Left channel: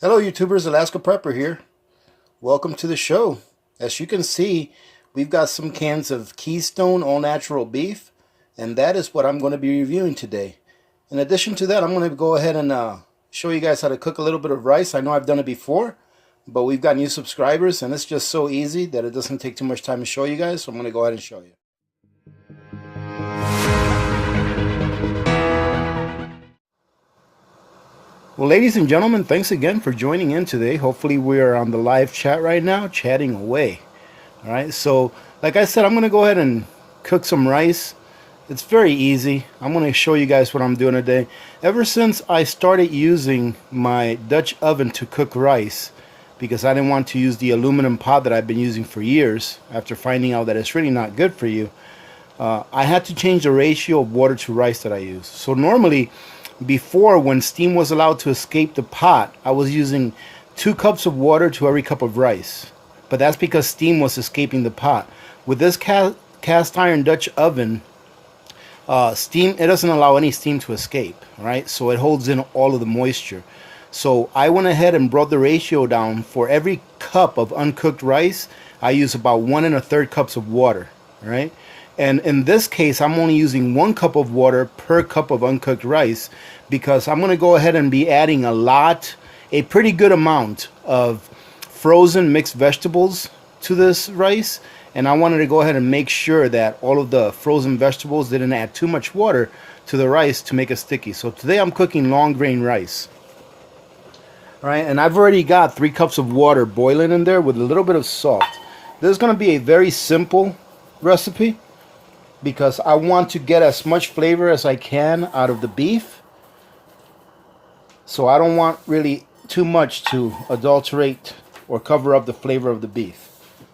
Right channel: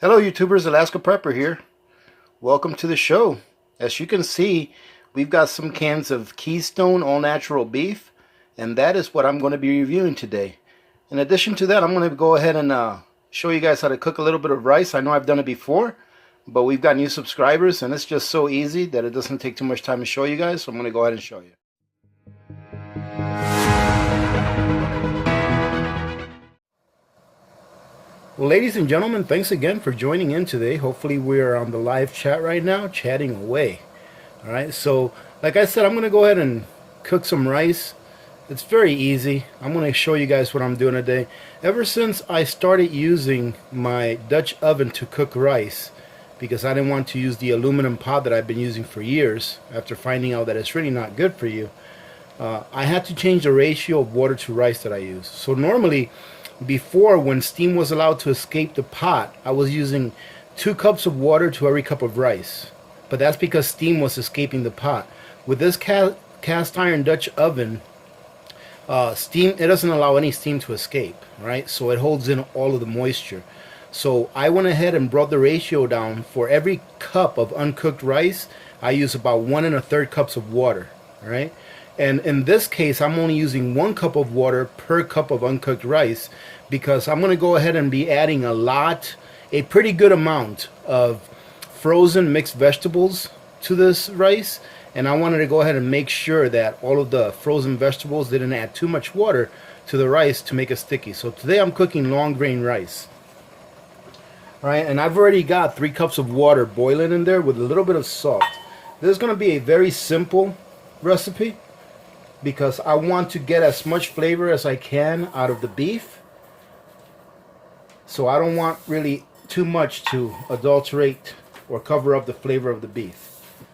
Hello YouTubers, Alaska Prepper here. Welcome to the show. As you can see, we've got some cans of Keystone All Natural Beef, and that is what I'm going to be reviewing today. In addition to that, I'm going to go ahead and show you guys how to cook a little bit of rice. I know I've done it before, but we've got new subscribers, and it's just so easy that it doesn't take too much time to show you guys, so I'm going to go ahead and show you. Well, ladies and gentlemen, thanks again for joining in today. Hopefully we're on the live chat right now, chatting away. All right, so like I said, I'm going to go ahead and cook some rice. It's very easy. I'm going to show you guys what I'm doing today. Ever since I started using my Dutch oven to cook rice, because I didn't want to use the aluminum pot that I've been using for years, after finding out that it's really not good for you, I had to change the ratio of water to rice that I use. So normally, before, when steam was allowed to escape the pot, I was using 2 cups of water to every cup of rice. But that's because steam was escaping the pot. With this cast iron Dutch oven, it doesn't allow any steam to escape, right? So it holds in all of the moisture. So I went ahead and brought the ratio down. For every cup of uncooked rice, I use about 1 1/3 cups of water, right? And in this case, I'm only using 1 cup of water per cup of uncooked rice, because I'm going to go ahead and be adding a pretty good amount of frozen mixed vegetables to this rice. And I wanted to go ahead and make sure that all of the frozen vegetables didn't add too much water to the rice to make it sticky. So today I'm cooking long grain rice. All right, and I've already got 3 cups of water boiling in there with a little bit of salt. This is going to be a very simple recipe, because I want to get as much flavor as I can out of the beef. So I don't want really too much to adulterate or cover up the flavor of the beef.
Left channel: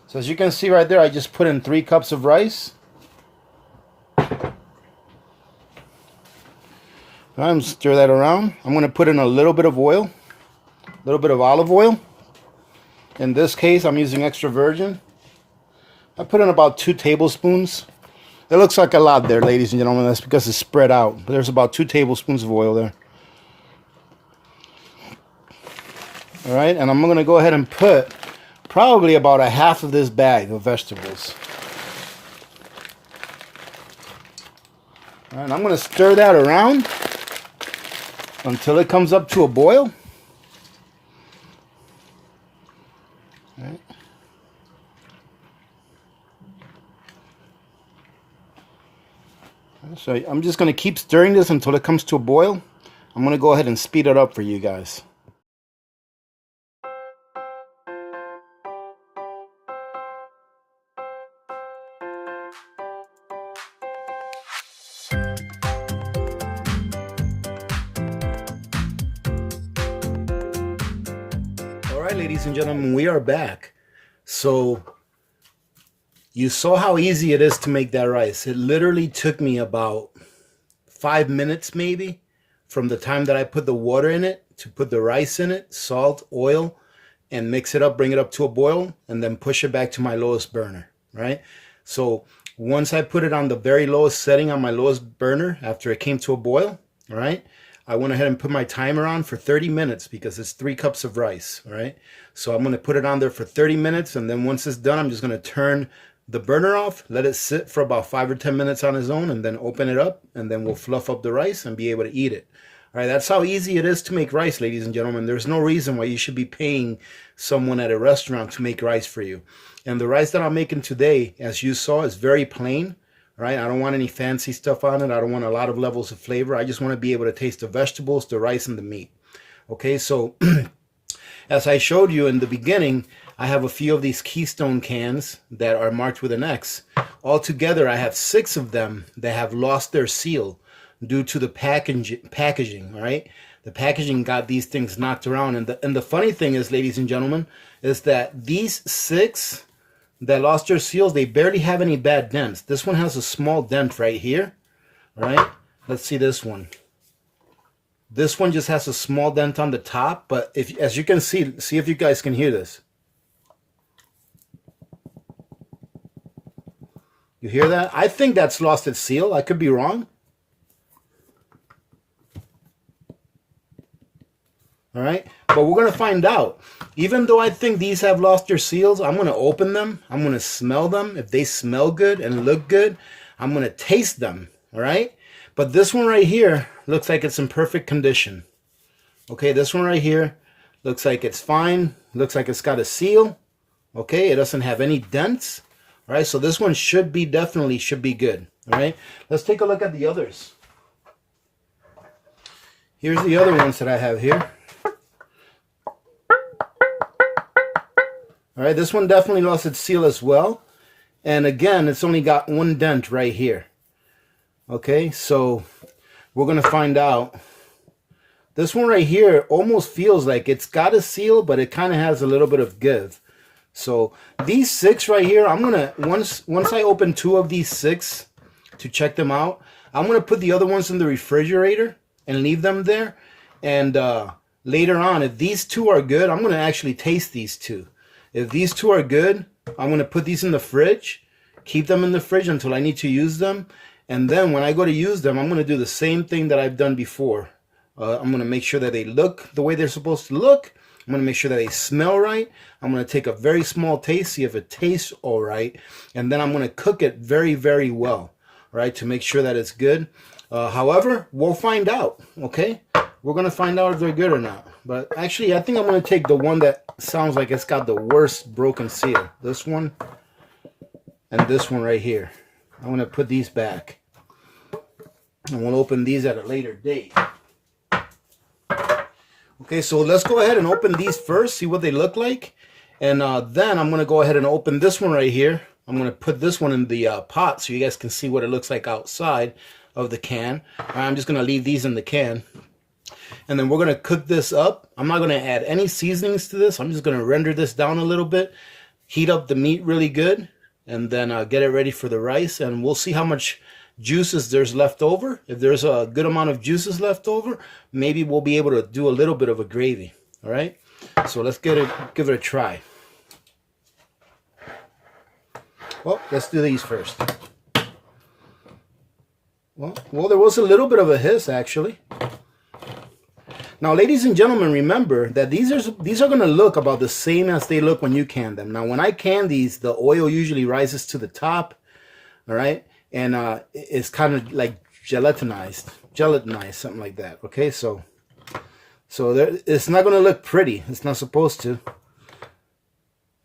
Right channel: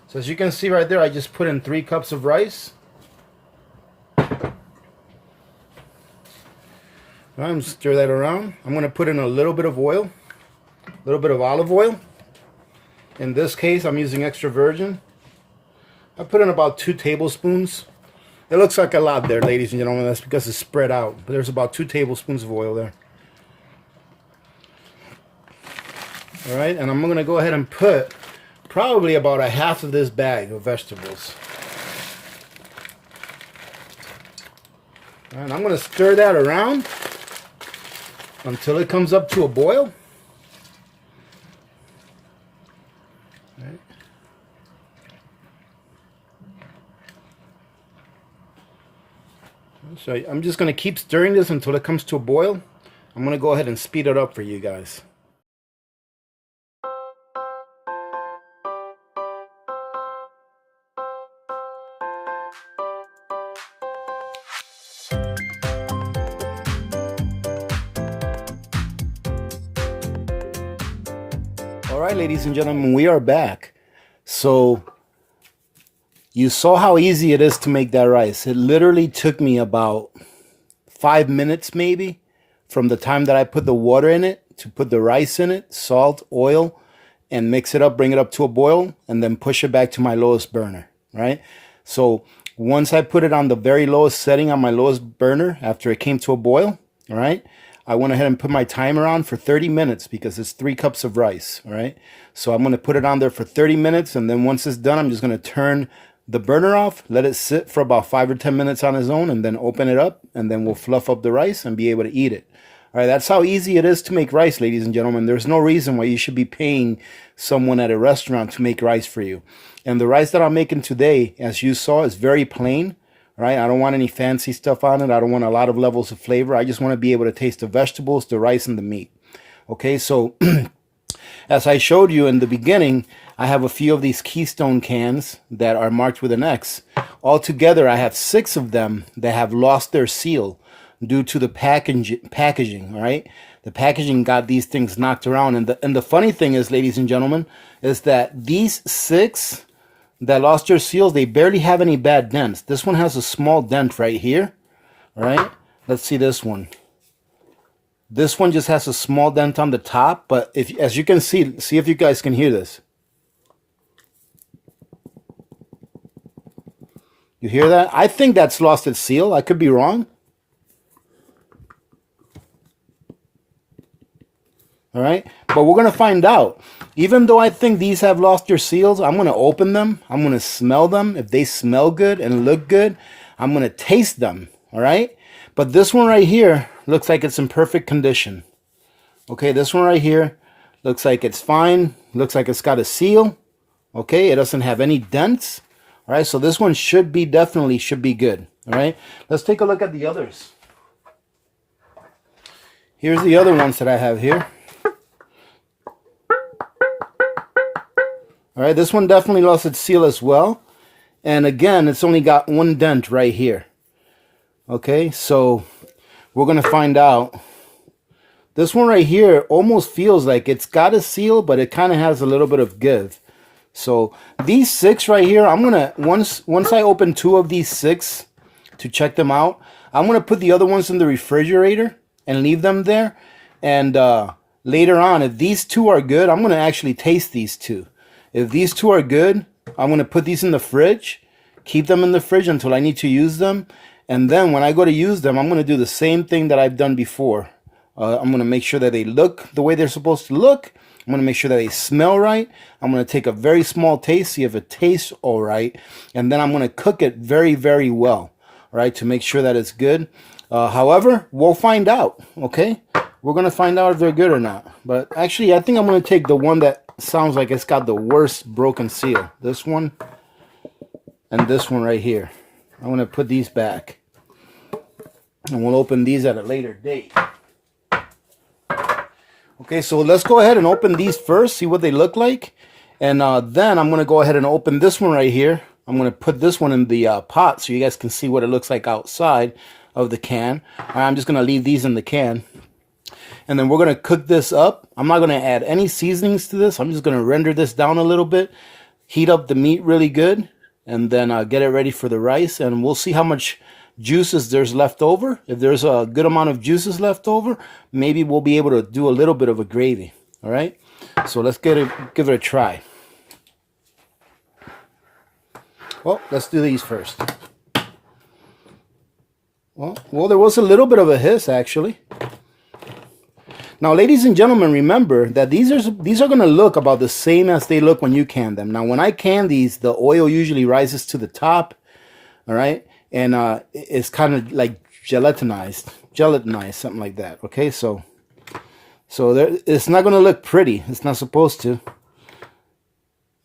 So as you can see right there, I just put in 3 cups of rice. I'm stir that around. I'm going to put in a little bit of oil, a little bit of olive oil. In this case, I'm using extra virgin. I put in about 2 tablespoons. It looks like a lot there, ladies and gentlemen. That's because it's spread out. But there's about 2 tablespoons of oil there. All right, and I'm going to go ahead and put probably about a half of this bag of vegetables. And I'm going to stir that around until it comes up to a boil. All right. So I'm just going to keep stirring this until it comes to a boil. I'm going to go ahead and speed it up for you guys. All right, ladies and gentlemen, we are back. So you saw how easy it is to make that rice. It literally took me about 5 minutes maybe from the time that I put the water in it to put the rice in it, salt, oil, and mix it up, bring it up to a boil, and then push it back to my lowest burner, right? So once I put it on the very lowest setting on my lowest burner after it came to a boil, all right, I went ahead and put my timer on for 30 minutes because it's 3 cups of rice, all right? So I'm going to put it on there for 30 minutes, and then once it's done, I'm just going to turn the burner off, let it sit for about 5 or 10 minutes on its own, and then open it up, and then we'll fluff up the rice and be able to eat it. All right, that's how easy it is to make rice, ladies and gentlemen. There's no reason why you should be paying someone at a restaurant to make rice for you. And the rice that I'm making today, as you saw, is very plain. Right? I don't want any fancy stuff on it. I don't want a lot of levels of flavor. I just want to be able to taste the vegetables, the rice, and the meat. Okay, so as I showed you in the beginning, I have a few of these Keystone cans that are marked with an X. Altogether, I have 6 of them that have lost their seal due to the packaging, all right? The packaging got these things knocked around. And the funny thing is, ladies and gentlemen, is that these 6 that lost their seals, they barely have any bad dents. This one has a small dent right here, all right? Let's see this one. This one just has a small dent on the top, but as you can see if you guys can hear this. You hear that? I think that's lost its seal. I could be wrong. All right, but we're going to find out. Even though I think these have lost their seals, I'm going to open them. I'm going to smell them. If they smell good and look good, I'm going to taste them. All right, but this one right here looks like it's in perfect condition. Okay, this one right here looks like it's fine. Looks like it's got a seal. Okay, it doesn't have any dents. All right, so this one definitely should be good. All right, let's take a look at the others. Here's the other ones that I have here. All right, this one definitely lost its seal as well. And again, it's only got one dent right here. Okay, so we're going to find out. This one right here almost feels like it's got a seal, but it kind of has a little bit of give. So these 6 right here, I'm going to, once I open 2 of these 6 to check them out, I'm going to put the other ones in the refrigerator and leave them there. And later on, if these 2 are good, I'm going to actually taste these 2. If these 2 are good, I'm going to put these in the fridge, keep them in the fridge until I need to use them. And then when I go to use them, I'm going to do the same thing that I've done before. I'm going to make sure that they look the way they're supposed to look. I'm going to make sure that they smell right. I'm going to take a very small taste, see if it tastes all right. And then I'm going to cook it very, very well, all right, to make sure that it's good. However, we'll find out, okay? We're going to find out if they're good or not. But actually, I think I'm going to take the one that sounds like it's got the worst broken seal. This one and this one right here. I'm going to put these back. And we'll open these at a later date. Okay, so let's go ahead and open these first, see what they look like. And then I'm going to go ahead and open this one right here. I'm going to put this one in the pot so you guys can see what it looks like outside of the can. And I'm just going to leave these in the can. And then we're going to cook this up. I'm not going to add any seasonings to this. I'm just going to render this down a little bit, heat up the meat really good, and then get it ready for the rice. And we'll see how much juices there's left over. If there's a good amount of juices left over, maybe we'll be able to do a little bit of a gravy. All right, so let's give it a try. Well, let's do these first. Well, there was a little bit of a hiss actually. Now, ladies and gentlemen, remember that these are going to look about the same as they look when you can them. Now, when I can these, the oil usually rises to the top, all right, and it's kind of like gelatinized, something like that. Okay, so there, it's not going to look pretty. It's not supposed to,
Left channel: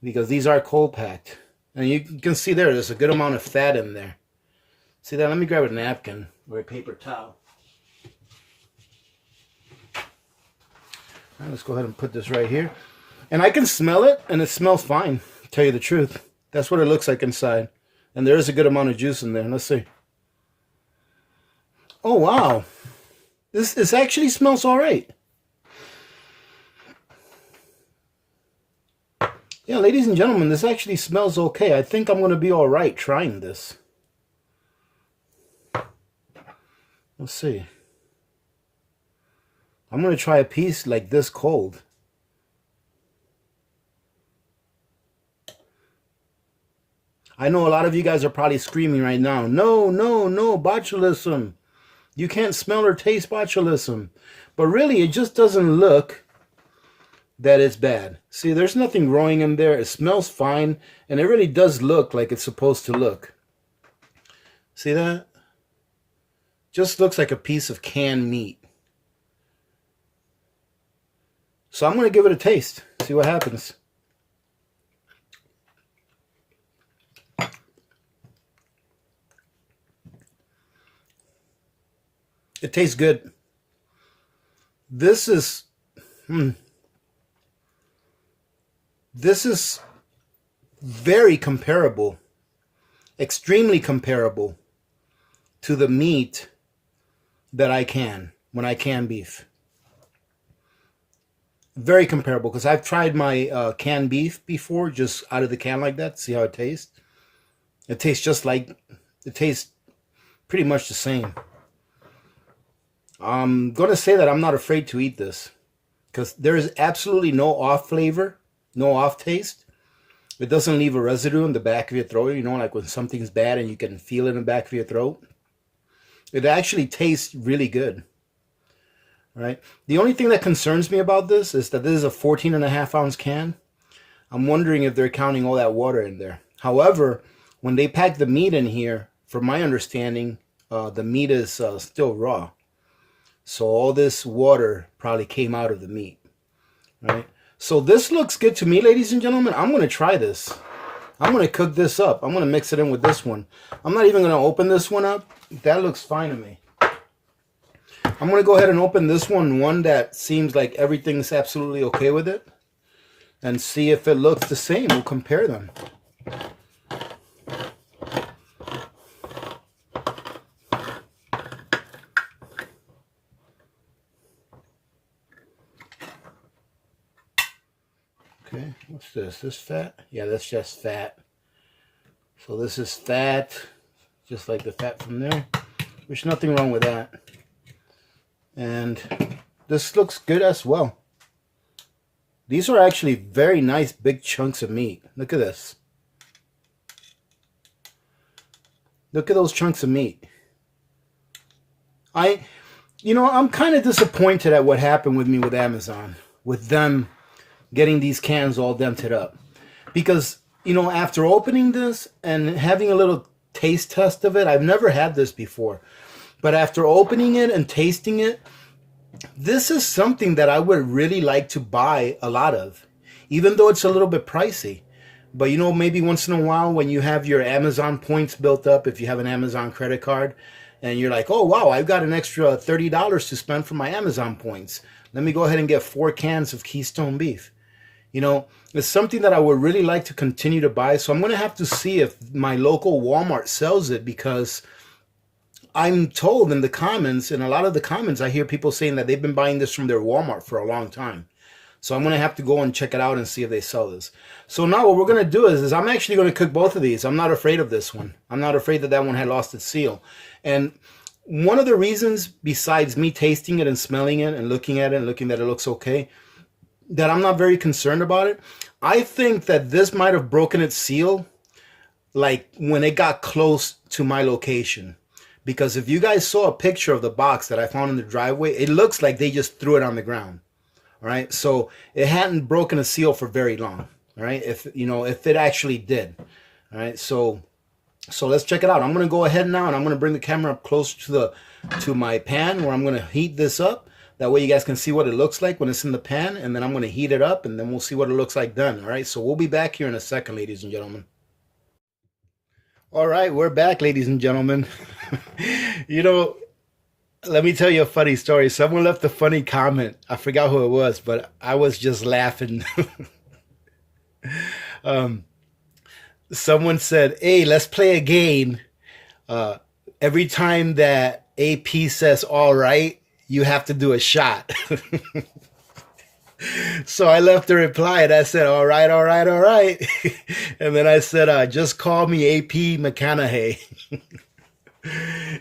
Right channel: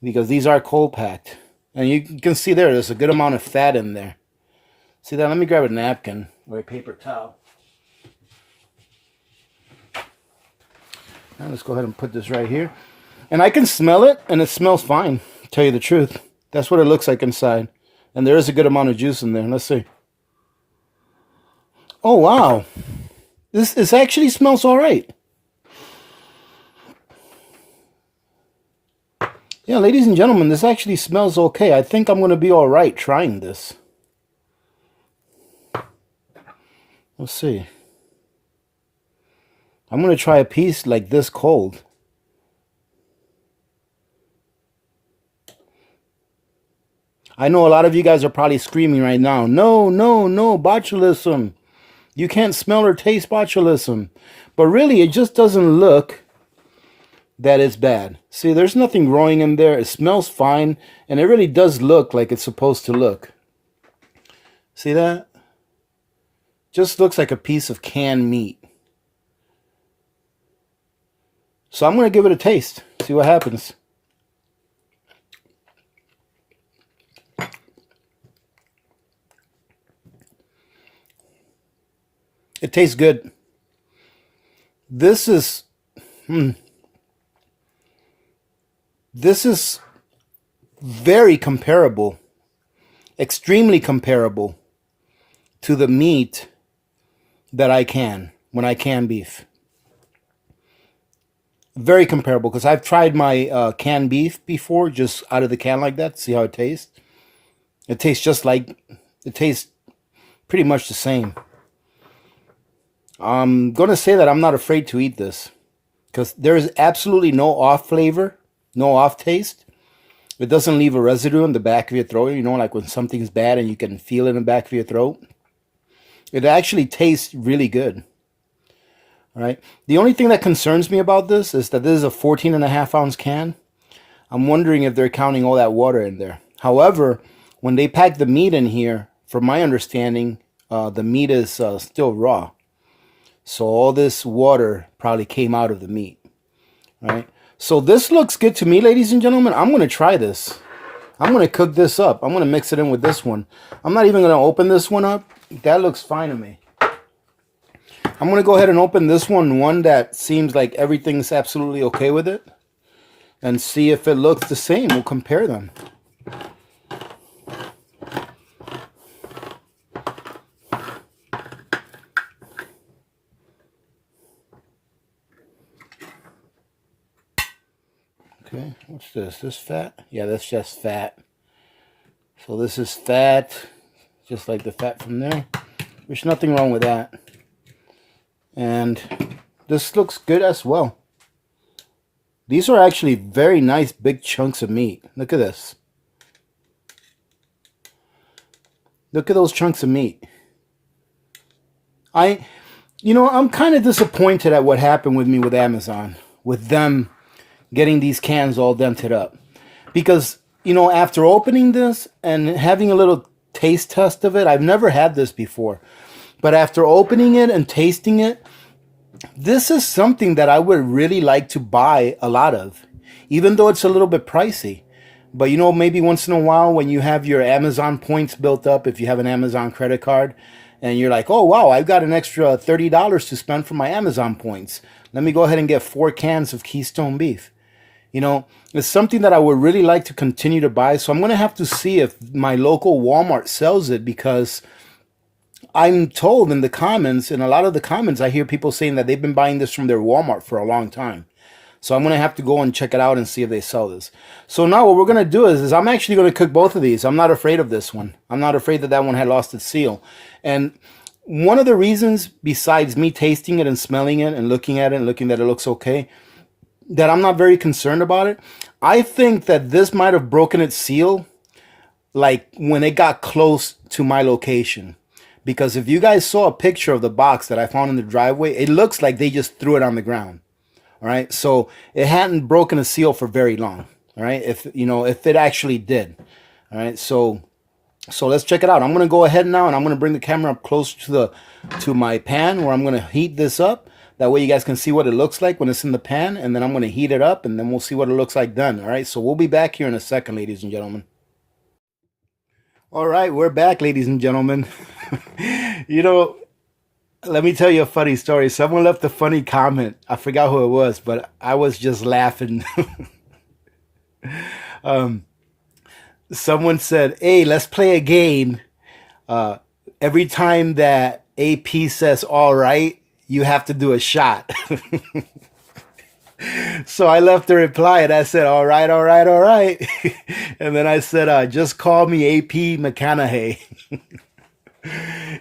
because these are cold packed, and you can see there's a good amount of fat in there. See that? Let me grab a napkin or a paper towel. Now let's go ahead and put this right here. And I can smell it, and it smells fine, to tell you the truth. That's what it looks like inside. And there is a good amount of juice in there. Let's see. Oh, wow. This actually smells all right. Yeah, ladies and gentlemen, this actually smells okay. I think I'm going to be all right trying this. Let's see. I'm going to try a piece like this cold. I know a lot of you guys are probably screaming right now, no, no, no, botulism. You can't smell or taste botulism. But really, it just doesn't look that it's bad. See, there's nothing growing in there. It smells fine, and it really does look like it's supposed to look. See that? Just looks like a piece of canned meat. So I'm going to give it a taste, see what happens. It tastes good. This is very comparable, extremely comparable to the meat that I can when I can beef. Very comparable, because I've tried my canned beef before, just out of the can like that, see how it tastes. It tastes just like, it tastes pretty much the same. I'm going to say that I'm not afraid to eat this, because there is absolutely no off flavor, no off taste. It doesn't leave a residue in the back of your throat, you know, like when something's bad and you can feel it in the back of your throat. It actually tastes really good. All right. The only thing that concerns me about this is that this is a 14.5 ounce can. I'm wondering if they're counting all that water in there. However, when they pack the meat in here, from my understanding, the meat is still raw. So all this water probably came out of the meat. All right. So this looks good to me, ladies and gentlemen. I'm going to try this. I'm going to cook this up. I'm going to mix it in with this one. I'm not even going to open this one up. That looks fine to me. I'm going to go ahead and open this one that seems like everything's absolutely okay with it, and see if it looks the same. We'll compare them. Okay, what's this? This fat? Yeah, that's just fat. So this is fat, just like the fat from there. There's nothing wrong with that. And this looks good as well. These are actually very nice big chunks of meat. Look at this. Look at those chunks of meat. I'm kind of disappointed at what happened with me with Amazon, with them getting these cans all dented up. Because, after opening this and having a little taste test of it, I've never had this before. But after opening it and tasting it, this is something that I would really like to buy a lot of, even though it's a little bit pricey. But maybe once in a while when you have your Amazon points built up, if you have an Amazon credit card, and you're like, oh, wow, I've got an extra $30 to spend for my Amazon points. Let me go ahead and get 4 cans of Keystone beef. It's something that I would really like to continue to buy. So I'm going to have to see if my local Walmart sells it, because I'm told in the comments, in a lot of the comments, I hear people saying that they've been buying this from their Walmart for a long time. So I'm going to have to go and check it out and see if they sell this. So now what we're going to do is I'm actually going to cook both of these. I'm not afraid of this one. I'm not afraid that one had lost its seal. And one of the reasons, besides me tasting it and smelling it and looking at it and looking that it looks okay, that I'm not very concerned about it, I think that this might have broken its seal like when it got close to my location. Because if you guys saw a picture of the box that I found in the driveway, it looks like they just threw it on the ground. All right. So it hadn't broken a seal for very long. All right. If it actually did. All right. So let's check it out. I'm going to go ahead now and I'm going to bring the camera up close to my pan, where I'm going to heat this up. That way you guys can see what it looks like when it's in the pan, and then I'm going to heat it up and then we'll see what it looks like done. All right. So we'll be back here in a second, ladies and gentlemen. All right, we're back, ladies and gentlemen. Let me tell you a funny story. Someone left a funny comment. I forgot who it was, but I was just laughing. Someone said, hey, let's play a game. Every time that AP says, all right, you have to do a shot. So I left a reply and I said, all right, all right, all right. And then I said, just call me AP McConaughey.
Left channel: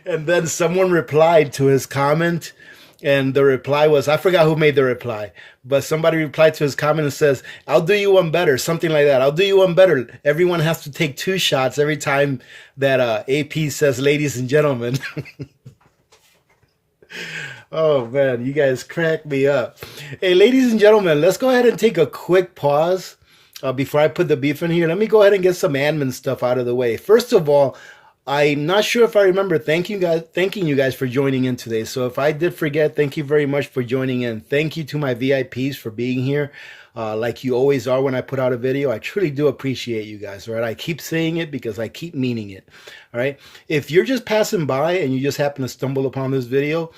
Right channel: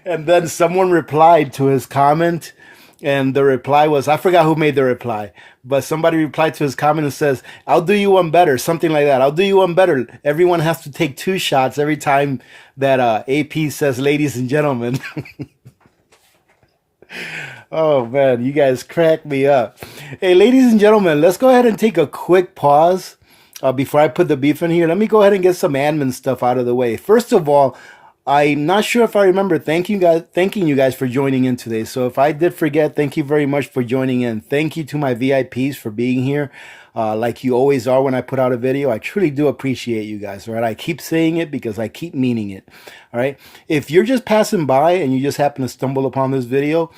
And then someone replied to his comment, and the reply was, I forgot who made the reply, but somebody replied to his comment and says, I'll do you one better, something like that. I'll do you one better. Everyone has to take 2 shots every time that AP says, ladies and gentlemen. Oh, man, you guys crack me up. Hey, ladies and gentlemen, let's go ahead and take a quick pause before I put the beef in here. Let me go ahead and get some admin stuff out of the way. First of all, I'm not sure if I remember thanking you guys for joining in today. So if I did forget, thank you very much for joining in. Thank you to my VIPs for being here. Like you always are when I put out a video. I truly do appreciate you guys, all right? I keep saying it because I keep meaning it, all right? If you're just passing by and you just happen to stumble upon this video,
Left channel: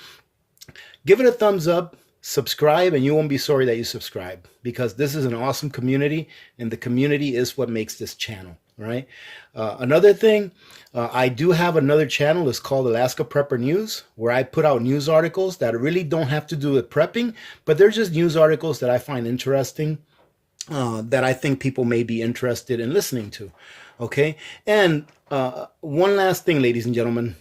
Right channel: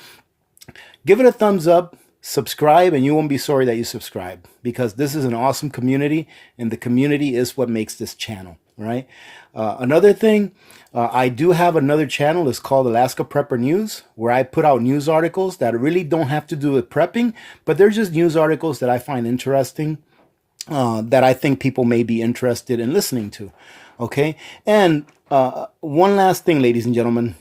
give it a thumbs up, subscribe, and you won't be sorry that you subscribed, because this is an awesome community, and the community is what makes this channel, right? Another thing, I do have another channel. It's called Alaska Prepper News, where I put out news articles that really don't have to do with prepping, but they're just news articles that I find interesting, that I think people may be interested in listening to, okay? And one last thing, ladies and gentlemen,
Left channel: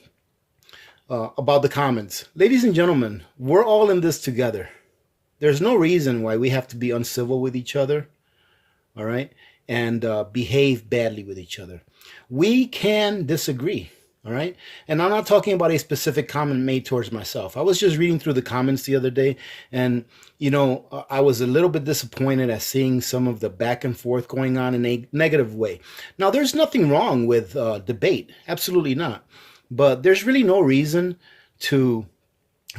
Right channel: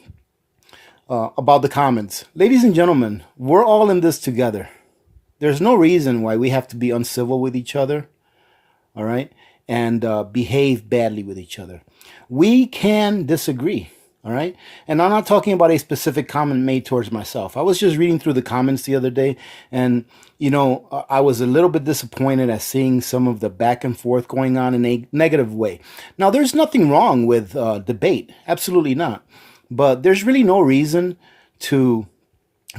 about the comments. Ladies and gentlemen, we're all in this together. There's no reason why we have to be uncivil with each other, all right, and behave badly with each other. We can disagree, All right. And I'm not talking about a specific comment made towards myself. I was just reading through the comments the other day, and, I was a little bit disappointed at seeing some of the back and forth going on in a negative way. Now, there's nothing wrong with debate. Absolutely not. But there's really no reason to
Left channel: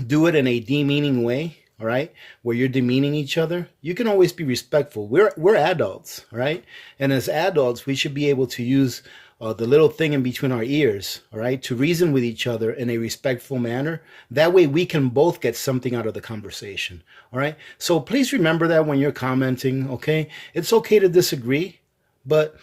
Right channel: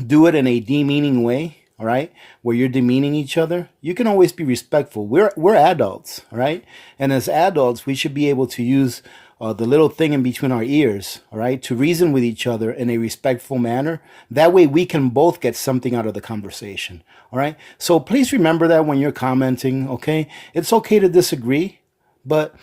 do it in a demeaning way. All right, where you're demeaning each other. You can always be respectful. We're adults, all right, and as adults, we should be able to use the little thing in between our ears, all right, to reason with each other in a respectful manner. That way, we can both get something out of the conversation, all right. So please remember that when you're commenting. Okay, it's okay to disagree, but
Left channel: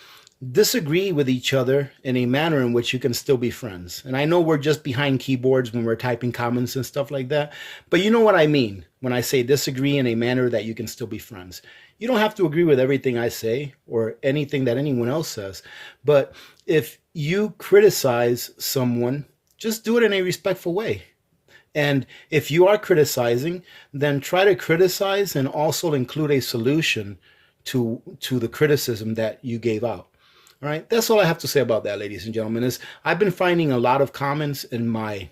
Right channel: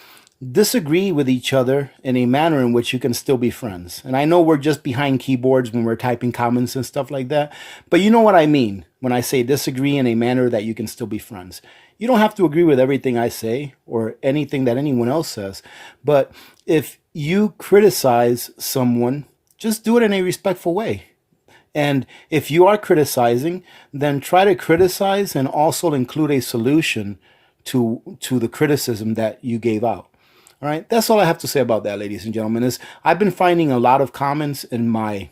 disagree with each other in a manner in which you can still be friends. And I know we're just behind keyboards when we're typing comments and stuff like that, but you know what I mean when I say disagree in a manner that you can still be friends. You don't have to agree with everything I say or anything that anyone else says, but if you criticize someone, just do it in a respectful way. And if you are criticizing, then try to criticize and also include a solution to the criticism that you gave out. All right, that's all I have to say about that, ladies and gentlemen. Is I've been finding a lot of comments in my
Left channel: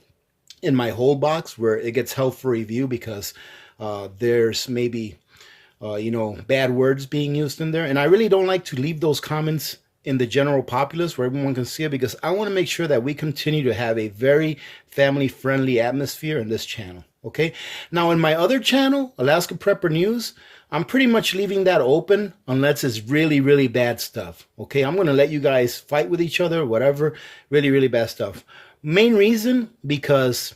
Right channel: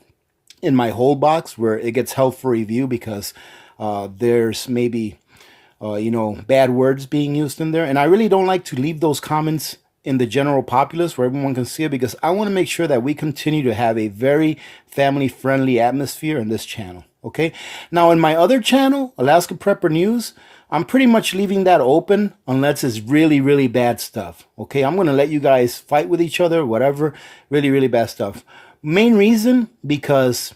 hold box where it gets held for review because there's maybe bad words being used in there, and I really don't like to leave those comments in the general populace where everyone can see it, because I want to make sure that we continue to have a very family-friendly atmosphere in this channel. Okay, now in my other channel, Alaska Prepper News, I'm pretty much leaving that open unless it's really, really bad stuff. Okay, I'm going to let you guys fight with each other, whatever, really, really bad stuff. Main reason, because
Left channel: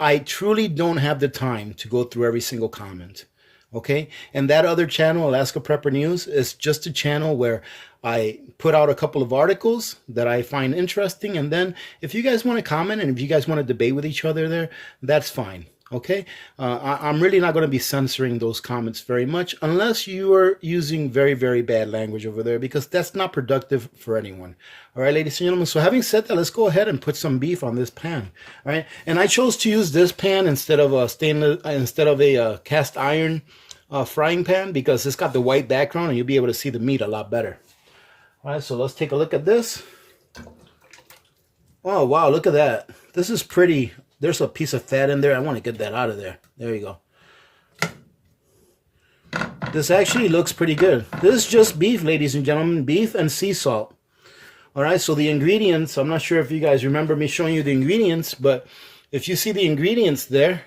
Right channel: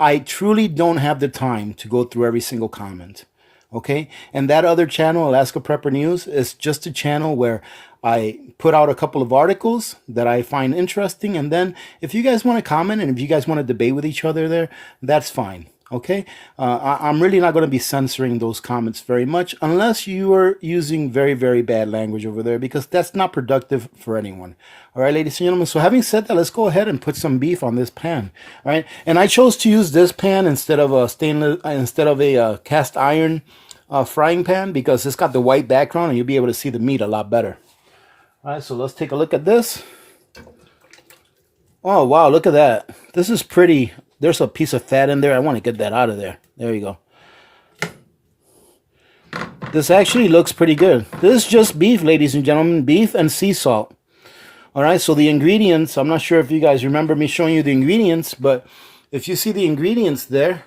I truly don't have the time to go through every single comment. Okay, and that other channel, Alaska Prepper News, is just a channel where I put out a couple of articles that I find interesting, and then if you guys want to comment and if you guys want to debate with each other there, that's fine. Okay, I'm really not going to be censoring those comments very much unless you are using very, very bad language over there, because that's not productive for anyone. All right, ladies and gentlemen. So having said that, let's go ahead and put some beef on this pan. All right, and I chose to use this pan instead of a cast iron frying pan because it's got the white background and you'll be able to see the meat a lot better. All right, so let's take a look at this. Oh wow, look at that. This is pretty. There's a piece of fat in there. I want to get that out of there. There you go. This actually looks pretty good. This is just beef, ladies and gentlemen. Beef and sea salt. All right, so the ingredients, I'm not sure if you guys remember me showing you the ingredients, but if you see the ingredients there,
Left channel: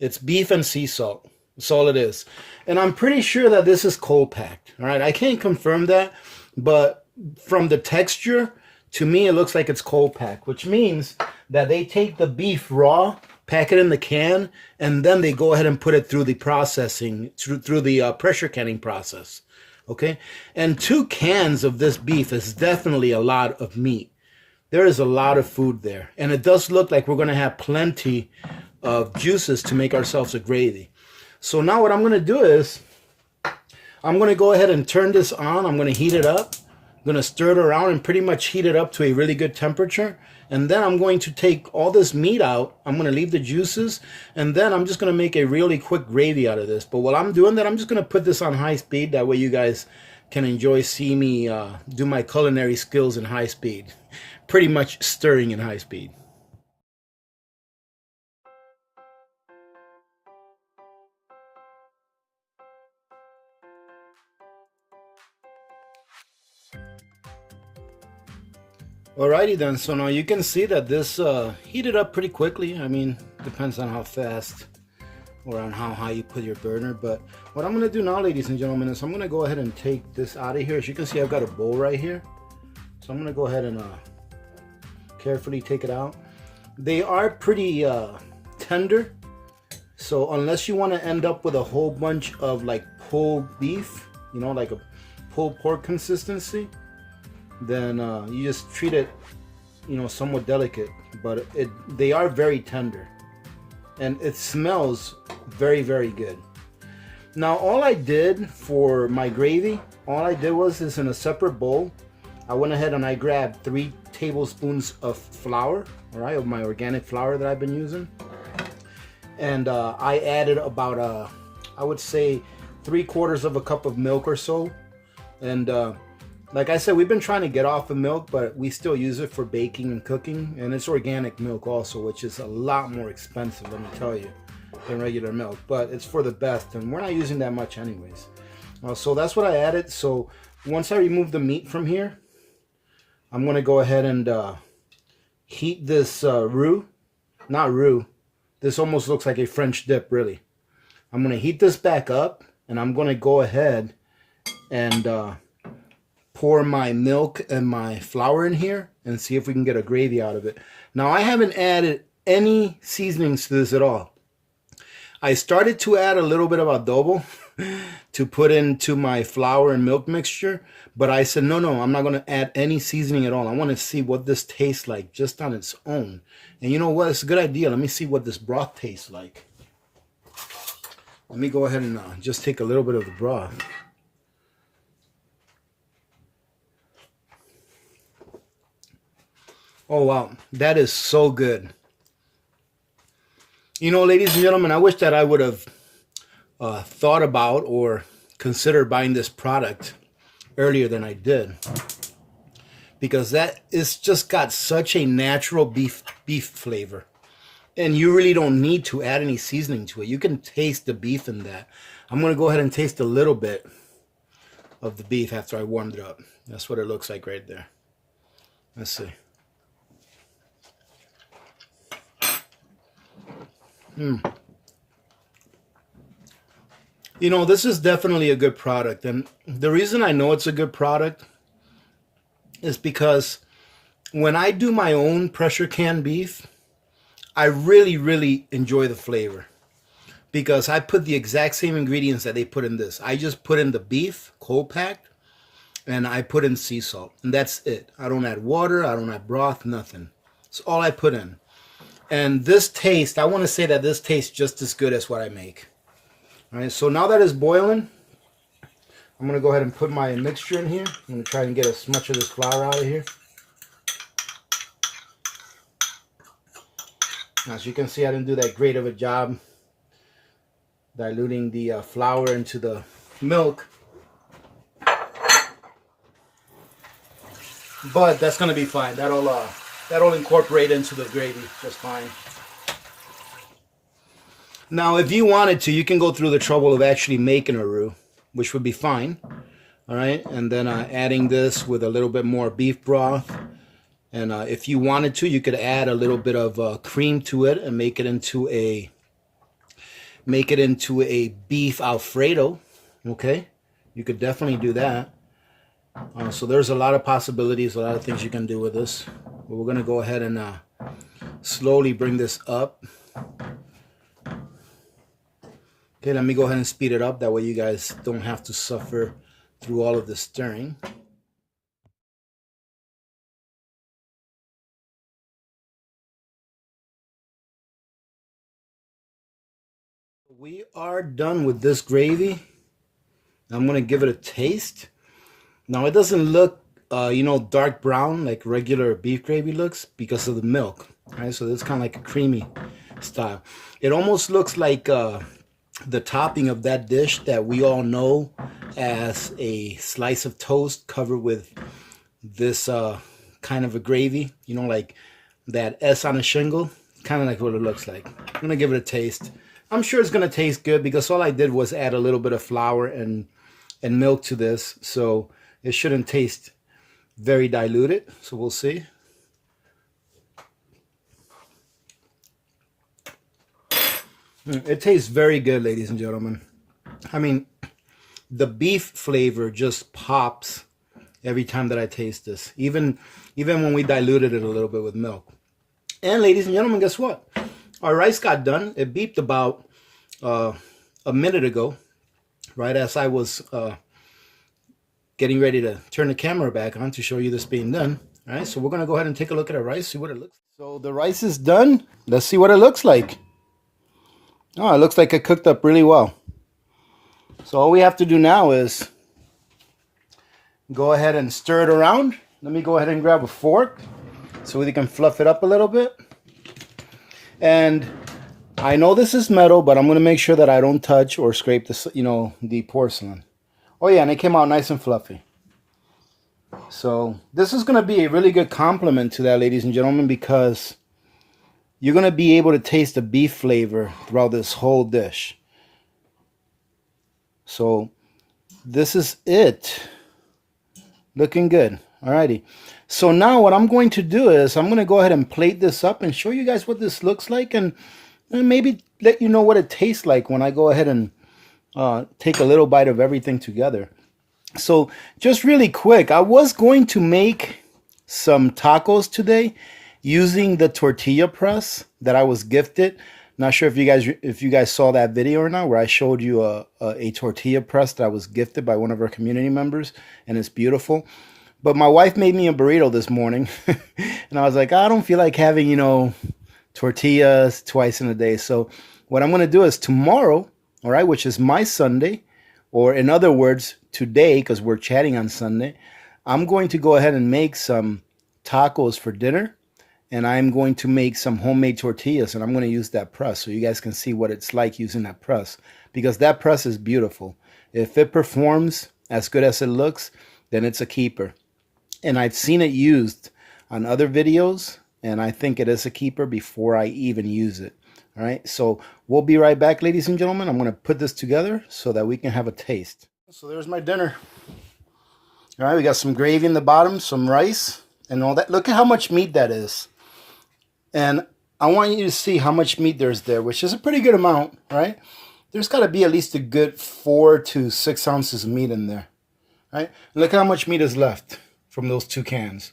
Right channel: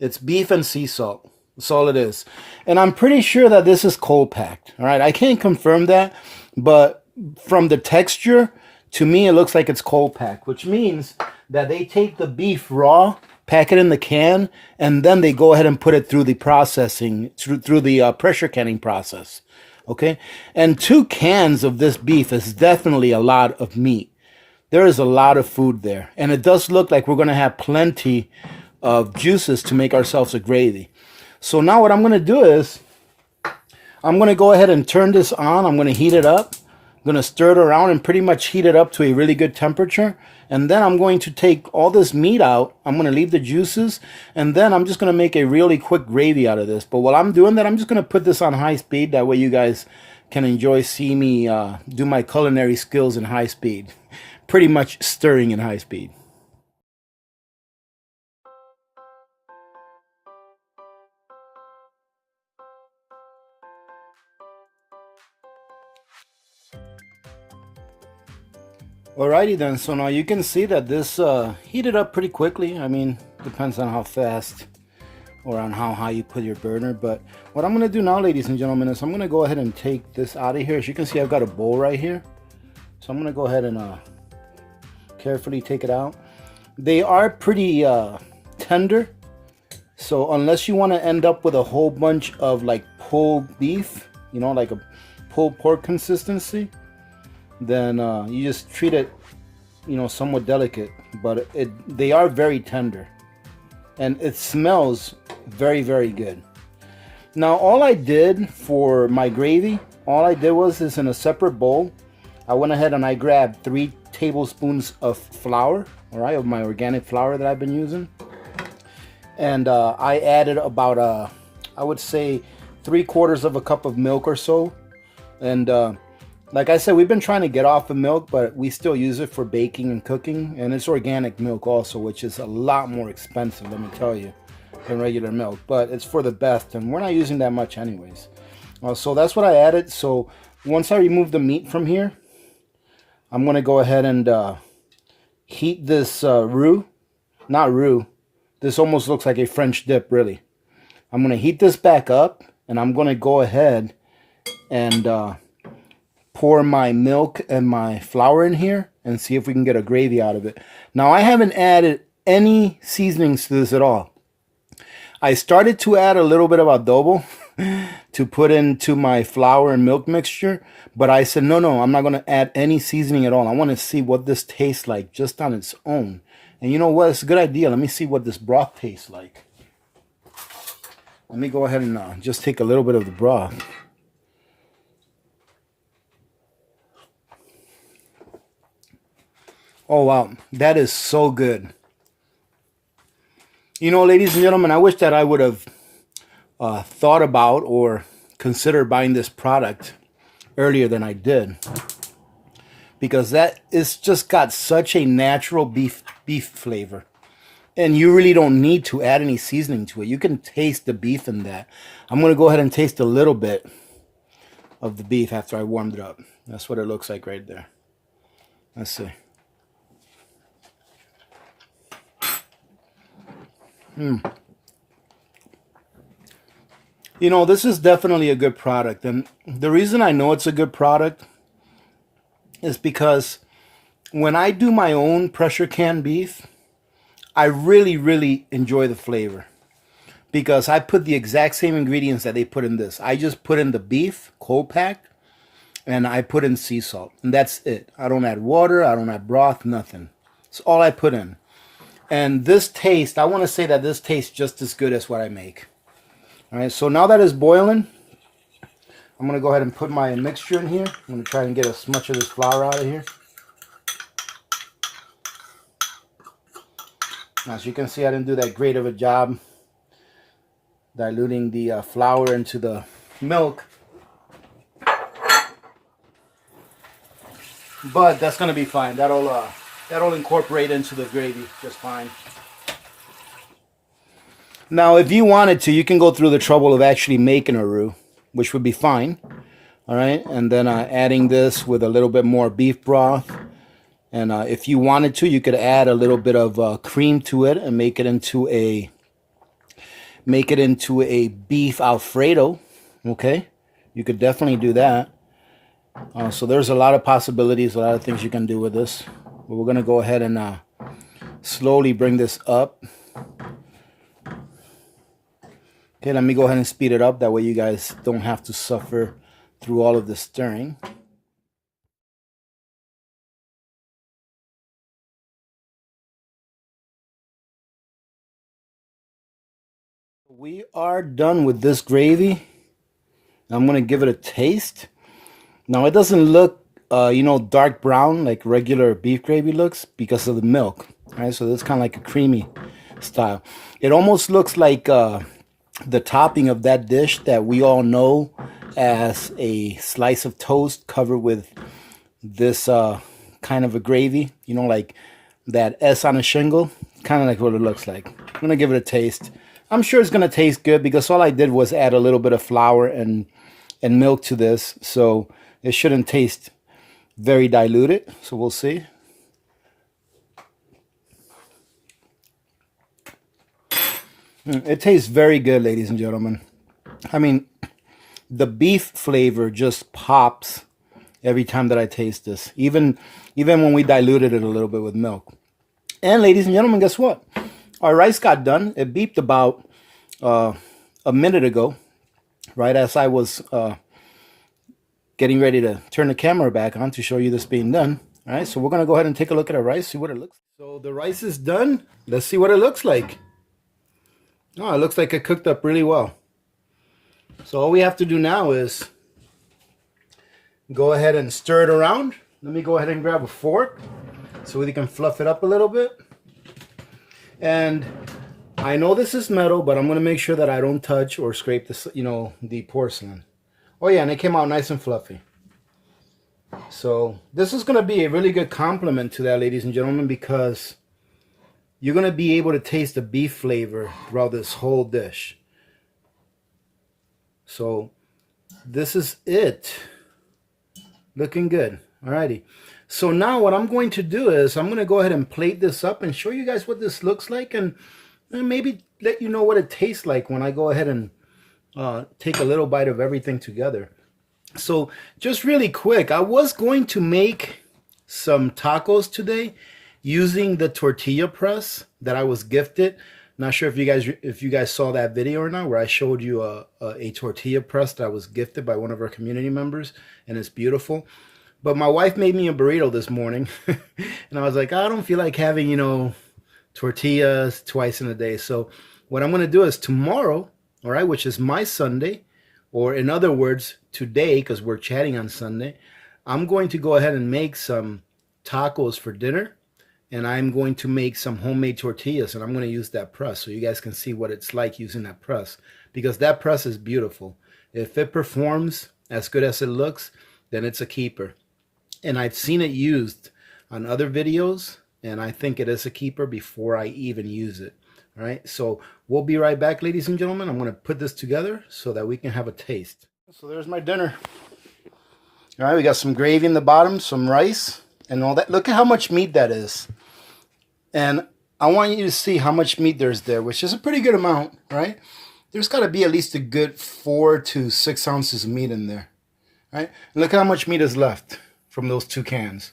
it's beef and sea salt. That's all it is. And I'm pretty sure that this is cold packed. All right, I can't confirm that, but from the texture, to me, it looks like it's cold packed, which means that they take the beef raw, pack it in the can, and then they go ahead and put it through the processing, through the pressure canning process. Okay? And 2 cans of this beef is definitely a lot of meat. There is a lot of food there. And it does look like we're going to have plenty of juices to make ourselves a gravy. So now what I'm going to do is, I'm going to go ahead and turn this on. I'm going to heat it up. I'm going to stir it around and pretty much heat it up to a really good temperature. And then I'm going to take all this meat out. I'm going to leave the juices. And then I'm just going to make a really quick gravy out of this. But while I'm doing that, I'm just going to put this on high speed. That way you guys can see me do my culinary skills in high speed. Pretty much stirring in high speed. Alrighty then, so now you can see that this heated up pretty quickly. I mean, depends on how fast or on how high you put your burner. But what I'm going to do now, ladies and gentlemen, is I'm going to go ahead and take this out of here. As you can see, I've got a bowl right here. So I'm going to go ahead and carefully take it out. They are pretty tender. So unless you want to end up with a whole bunch of like pulled beef, like a pulled pork consistency, then you just treat it, somewhat delicate. But they are very tender, and it smells very, very good. Now, all I did for my gravy, is in a separate bowl, I went ahead and I grabbed 3 tablespoons of flour, all right, of my organic flour that I've been using, and I added about I would say 3/4 of a cup of milk or so, and like I said, we've been trying to get off of milk, but we still use it for baking and cooking. And it's organic milk also, which is a lot more expensive, let me tell you, than regular milk. But it's for the best, and we're not using that much anyways. So that's what I added. So once I remove the meat from here, I'm going to go ahead and heat this roux. Not roux. This almost looks like a French dip, really. I'm going to heat this back up, and I'm going to go ahead and pour my milk and my flour in here and see if we can get a gravy out of it. Now, I haven't added any seasonings to this at all. I started to add a little bit of adobo to put into my flour and milk mixture, but I said, no, I'm not going to add any seasoning at all. I want to see what this tastes like just on its own. And you know what? It's a good idea. Let me see what this broth tastes like. Let me go ahead and just take a little bit of the broth. Oh, wow. That is so good. You know, ladies and gentlemen, I wish that I would have thought about or considered buying this product earlier than I did. Because that is just got such a natural beef flavor. And you really don't need to add any seasoning to it. You can taste the beef in that. I'm going to go ahead and taste a little bit of the beef after I warmed it up. That's what it looks like right there. Let's see. You know, this is definitely a good product. And the reason I know it's a good product is because when I do my own pressure can beef, I really enjoy the flavor. Because I put the exact same ingredients that they put in this. I just put in the beef, cold packed, and I put in sea salt. And that's it. I don't add water, I don't add broth, nothing. It's all I put in. And this taste, I want to say that this tastes just as good as what I make. All right, so now that it's boiling, I'm going to go ahead and put my mixture in here. I'm going to try and get as much of this flour out of here. As you can see, I didn't do that great of a job diluting the flour into the milk. But that's going to be fine. That'll incorporate into the gravy just fine. Now, if you wanted to, you can go through the trouble of actually making a roux, which would be fine. All right, and then adding this with a little bit more beef broth. And if you wanted to, you could add a little bit of cream to it and make it into a beef Alfredo. Okay, you could definitely do that. So there's a lot of possibilities, a lot of things you can do with this. But we're going to go ahead and slowly bring this up. Okay, let me go ahead and speed it up. That way you guys don't have to suffer through all of the stirring. We are done with this gravy. I'm going to give it a taste. Now, it doesn't look, dark brown like regular beef gravy looks because of the milk. Right? So this is kind of like a creamy style. It almost looks like the topping of that dish that we all know as a slice of toast covered with this kind of a gravy. You know, like that S on a shingle. Kind of like what it looks like. I'm going to give it a taste. I'm sure it's going to taste good because all I did was add a little bit of flour and milk to this. So it shouldn't taste very diluted. So we'll see. It tastes very good, ladies and gentlemen. I mean, the beef flavor just pops every time that I taste this. Even when we diluted it a little bit with milk. And ladies and gentlemen, guess what? Our rice got done. It beeped about a minute ago, right as I was getting ready to turn the camera back on to show you this being done. All right, so we're going to go ahead and take a look at our rice, see what it looks like. So the rice is done. Let's see what it looks like. Oh, it looks like it cooked up really well. So all we have to do now is go ahead and stir it around. Let me go ahead and grab a fork so we can fluff it up a little bit. And I know this is metal, but I'm going to make sure that I don't touch or scrape the porcelain. Oh yeah, and it came out nice and fluffy. So this is going to be a really good compliment to that, ladies and gentlemen, because you're going to be able to taste the beef flavor throughout this whole dish. So this is it. Looking good. Alrighty. So now what I'm going to do is I'm going to go ahead and plate this up and show you guys what this looks like, and maybe let you know what it tastes like when I go ahead and take a little bite of everything together. So just really quick, I was going to make some tacos today using the tortilla press that I was gifted. Not sure if you guys saw that video or not, where I showed you a tortilla press that I was gifted by one of our community members, and it's beautiful. But my wife made me a burrito this morning, and I was like, I don't feel like having, you know, tortillas twice in a day. So what I'm going to do is tomorrow, all right, which is my Sunday, or in other words, today, because we're chatting on Sunday, I'm going to go ahead and make some tacos for dinner, and I'm going to make some homemade tortillas, and I'm going to use that press so you guys can see what it's like using that press, because that press is beautiful. If it performs as good as it looks, then it's a keeper. And I've seen it used on other videos, and I think it is a keeper before I even use it. All right, so we'll be right back, ladies and gentlemen. I'm going to put this together so that we can have a taste. So there's my dinner. All right, we got some gravy in the bottom, some rice, and all that. Look at how much meat that is. And I want you to see how much meat there's there, which is a pretty good amount, right? There's got to be at least a good 4 to 6 ounces of meat in there, right? And look how much meat is left from those 2 cans.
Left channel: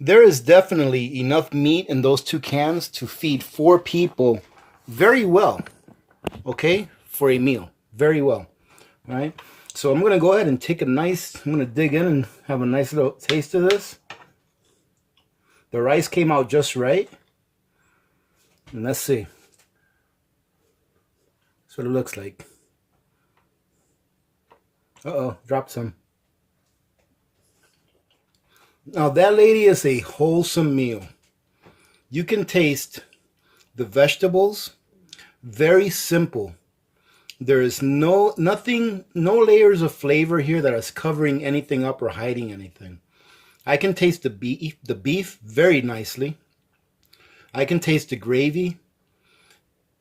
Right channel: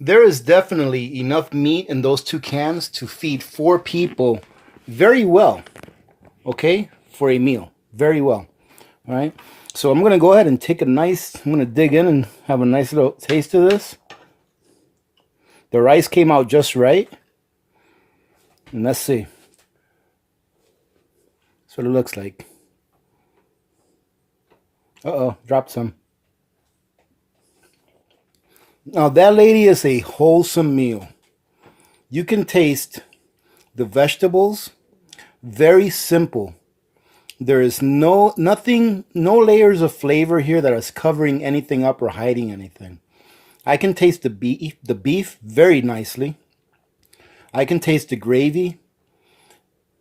There is definitely enough meat in those 2 cans to feed 4 people very well, okay, for a meal, very well, all right? So I'm going to go ahead and take I'm going to dig in and have a nice little taste of this. The rice came out just right. And let's see. That's what it looks like. Uh-oh, dropped some. Now that, lady, is a wholesome meal. You can taste the vegetables. Very simple. There is no layers of flavor here that is covering anything up or hiding anything. I can taste the beef very nicely. I can taste the gravy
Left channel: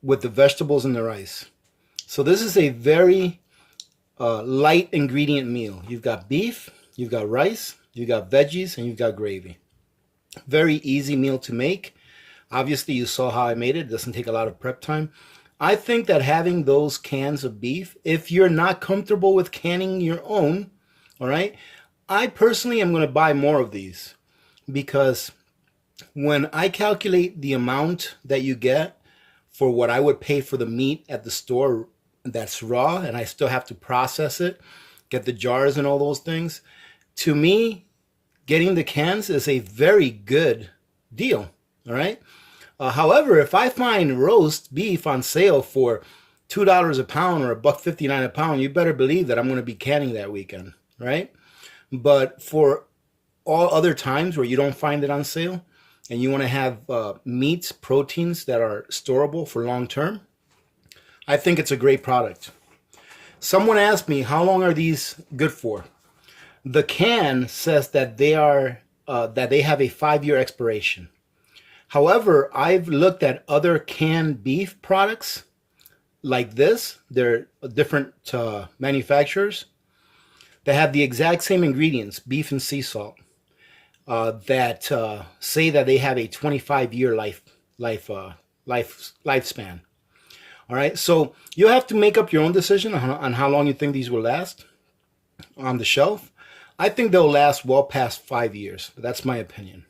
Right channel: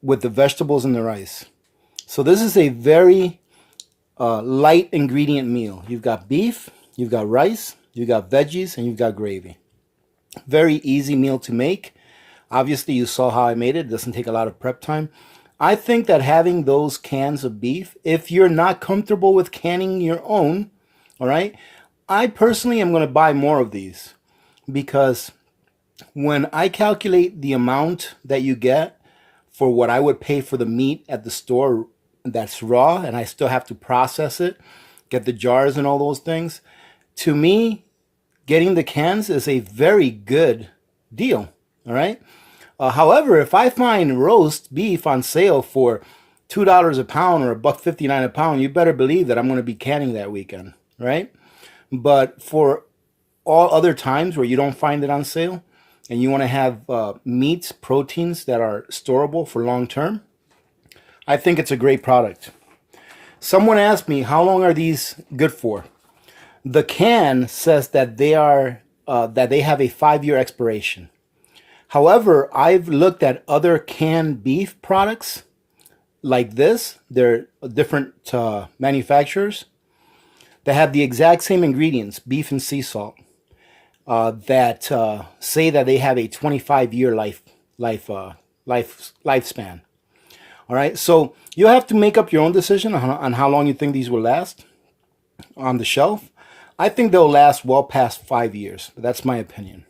with the vegetables and the rice. So this is a very light ingredient meal. You've got beef, you've got rice, you've got veggies, and you've got gravy. Very easy meal to make. Obviously, you saw how I made it. It doesn't take a lot of prep time. I think that having those cans of beef, if you're not comfortable with canning your own, all right, I personally am going to buy more of these, because when I calculate the amount that you get for what I would pay for the meat at the store that's raw, and I still have to process it, get the jars and all those things, to me, getting the cans is a very good deal, all right? However, if I find roast beef on sale for $2 a pound or $1.59 a pound, you better believe that I'm going to be canning that weekend, right? But for all other times where you don't find it on sale and you want to have meats, proteins that are storable for long term, I think it's a great product. Someone asked me, how long are these good for? The can says that they have a 5-year expiration. However, I've looked at other canned beef products like this. They're different manufacturers that have the exact same ingredients, beef and sea salt, that say that they have a 25-year lifespan. All right, so you have to make up your own decision on how long you think these will last on the shelf. I think they'll last well past 5 years. But that's my opinion.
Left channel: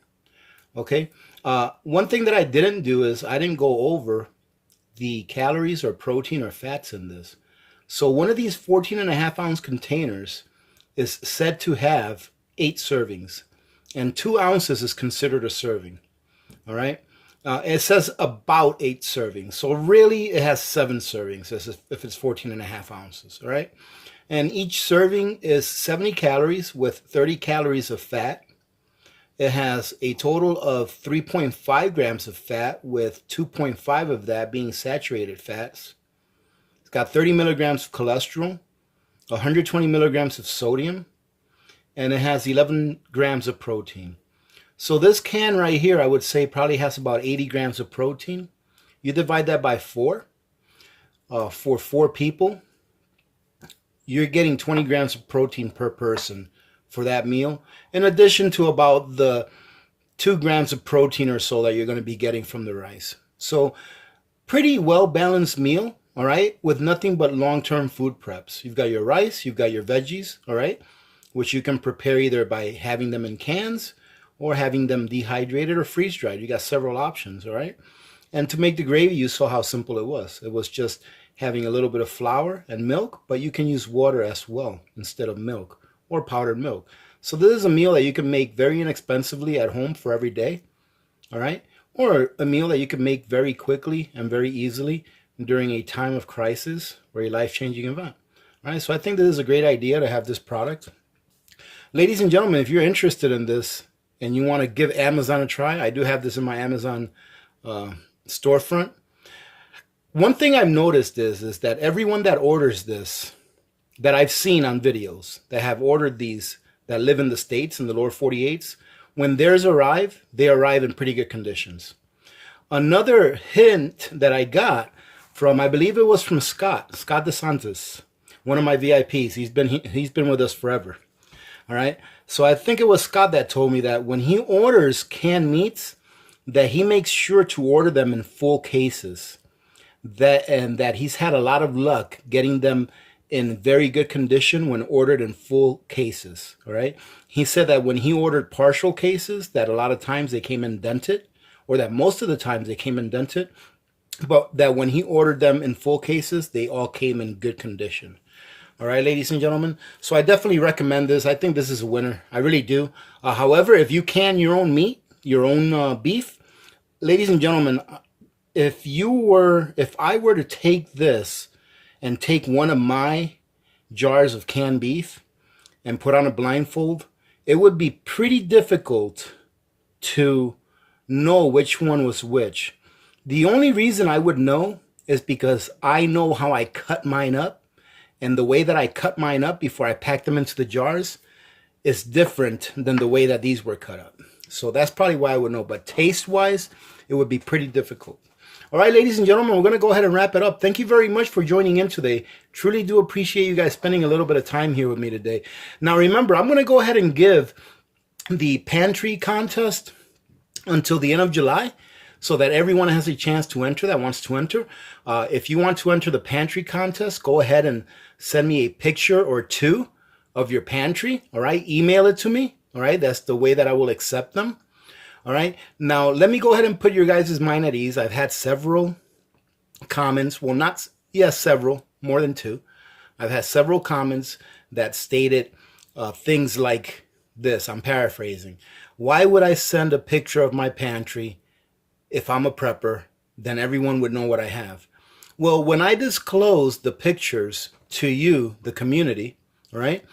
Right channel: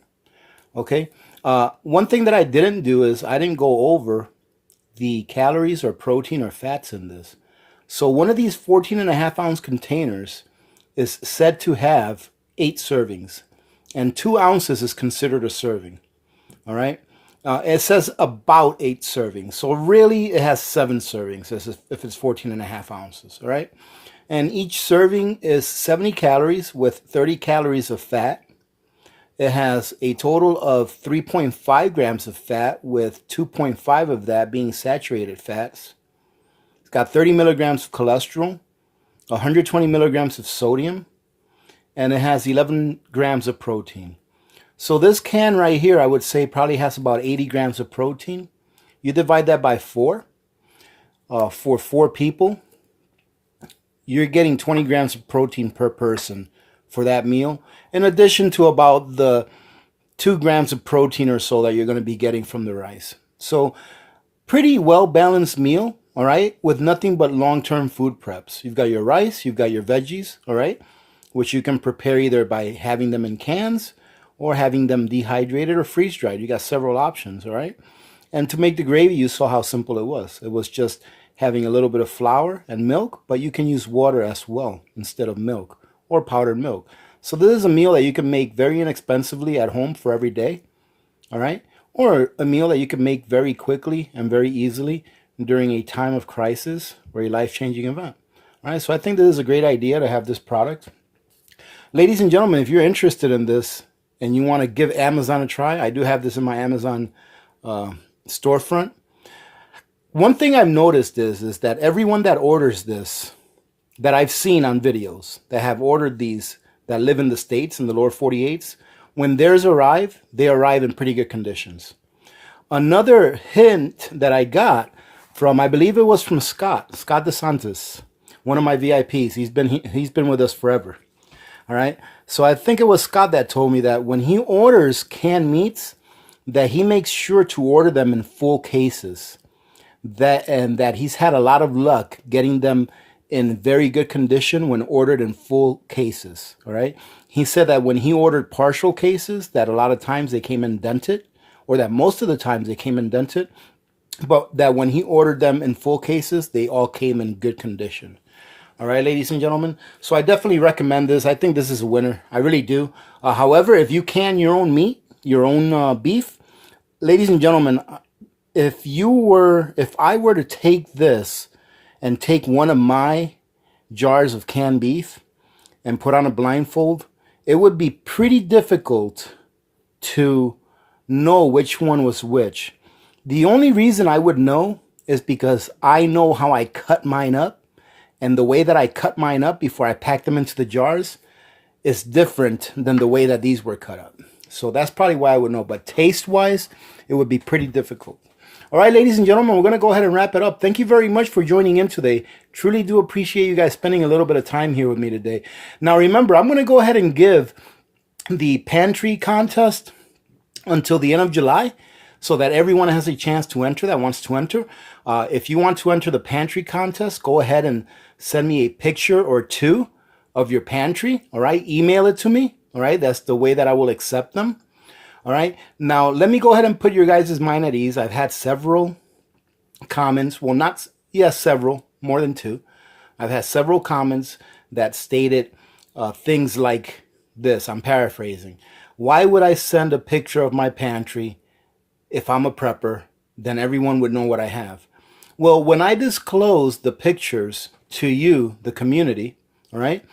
Okay. One thing that I didn't do is I didn't go over the calories or protein or fats in this. So one of these 14.5-ounce containers is said to have 8 servings, and 2 ounces is considered a serving. All right. It says about 8 servings. So really it has 7 servings if it's 14.5 ounces. All right. And each serving is 70 calories with 30 calories of fat. It has a total of 3.5 grams of fat, with 2.5 of that being saturated fats. It's got 30 milligrams of cholesterol, 120 milligrams of sodium, and it has 11 grams of protein. So this can right here, I would say probably has about 80 grams of protein. You divide that by 4. For 4 people, you're getting 20 grams of protein per person for that meal, in addition to about the 2 grams of protein or so that you're going to be getting from the rice. So pretty well balanced meal, all right, with nothing but long-term food preps. You've got your rice, you've got your veggies, all right, which you can prepare either by having them in cans or having them dehydrated or freeze-dried. You got several options, all right? And to make the gravy, you saw how simple it was. It was just having a little bit of flour and milk, but you can use water as well instead of milk or powdered milk. So this is a meal that you can make very inexpensively at home for every day, all right? Or a meal that you can make very quickly and very easily during a time of crisis or a life-changing event. All right, so I think this is a great idea to have this product. Ladies and gentlemen, if you're interested in this and you want to give Amazon a try, I do have this in my Amazon storefront. One thing I've noticed is that everyone that orders this, that I've seen on videos that have ordered these, that live in the States, in the lower 48s, when theirs arrive, they arrive in pretty good conditions. Another hint that I got from, I believe it was from Scott DeSantis, one of my VIPs. He's been with us forever. All right. So I think it was Scott that told me that when he orders canned meats, that he makes sure to order them in full cases. That he's had a lot of luck getting them in very good condition when ordered in full cases. All right. He said that when he ordered partial cases, that a lot of times they came in dented, or that most of the times they came in dented, but that when he ordered them in full cases, they all came in good condition. All right, ladies and gentlemen. So I definitely recommend this. I think this is a winner. I really do. However, if you can your own meat, your own beef, ladies and gentlemen, if I were to take this and take one of my jars of canned beef and put on a blindfold, it would be pretty difficult to know which one was which. The only reason I would know is because I know how I cut mine up, and the way that I cut mine up before I pack them into the jars is different than the way that these were cut up. So that's probably why I would know. But taste-wise, it would be pretty difficult. All right, ladies and gentlemen, we're going to go ahead and wrap it up. Thank you very much for joining in today. Truly do appreciate you guys spending a little bit of time here with me today. Now, remember, I'm going to go ahead and give the pantry contest until the end of July so that everyone has a chance to enter that wants to enter. If you want to enter the pantry contest, go ahead and send me a picture or 2 of your pantry. All right, email it to me. All right, that's the way that I will accept them. All right, now let me go ahead and put your guys' mind at ease. I've had several comments. Well, several, more than 2. I've had several comments that stated things like this. I'm paraphrasing. Why would I send a picture of my pantry if I'm a prepper? Then everyone would know what I have. Well, when I disclose the pictures to you, the community, all right,